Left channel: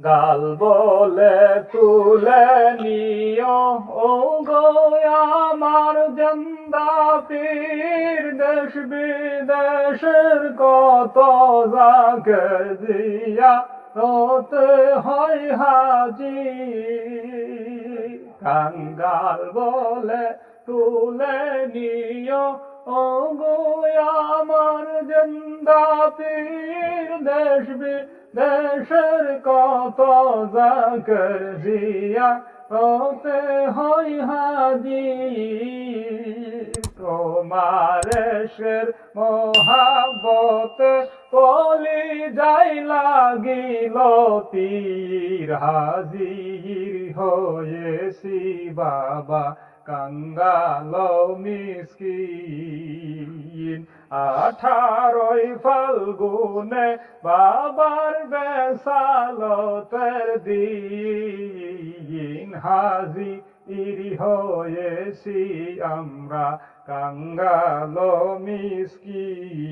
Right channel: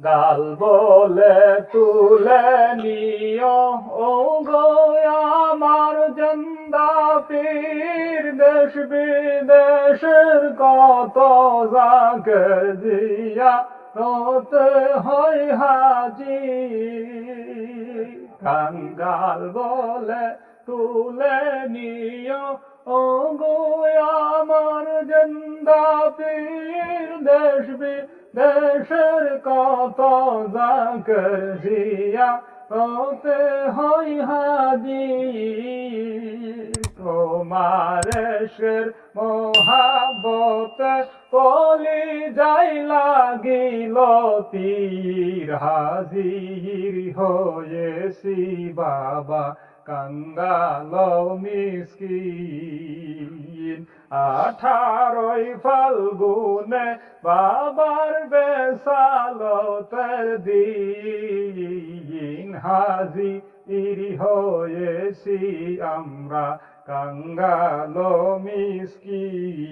গাল বলে তুলে নিও ও গো আমার জন্দা পীর, দেশ বিদেশের কত জাকের জিয়া রতে হয় হাজি। গাল বলে তুলে নিও ও গো আমার জন্দা পীর, দেশ দেশের কত জাকের জিয়া হতে হয় হাজি। তোমার এশের মহাবতে কলি যাই লাগিল তীর, হাজির হয়েছি বাবা কাঙ্গাল মিসকিন। 18 ফাল্গুনে বাবার বেসালতের দিন, হাজির হয়েছি আমরা কাঙ্গাল মিসকিন।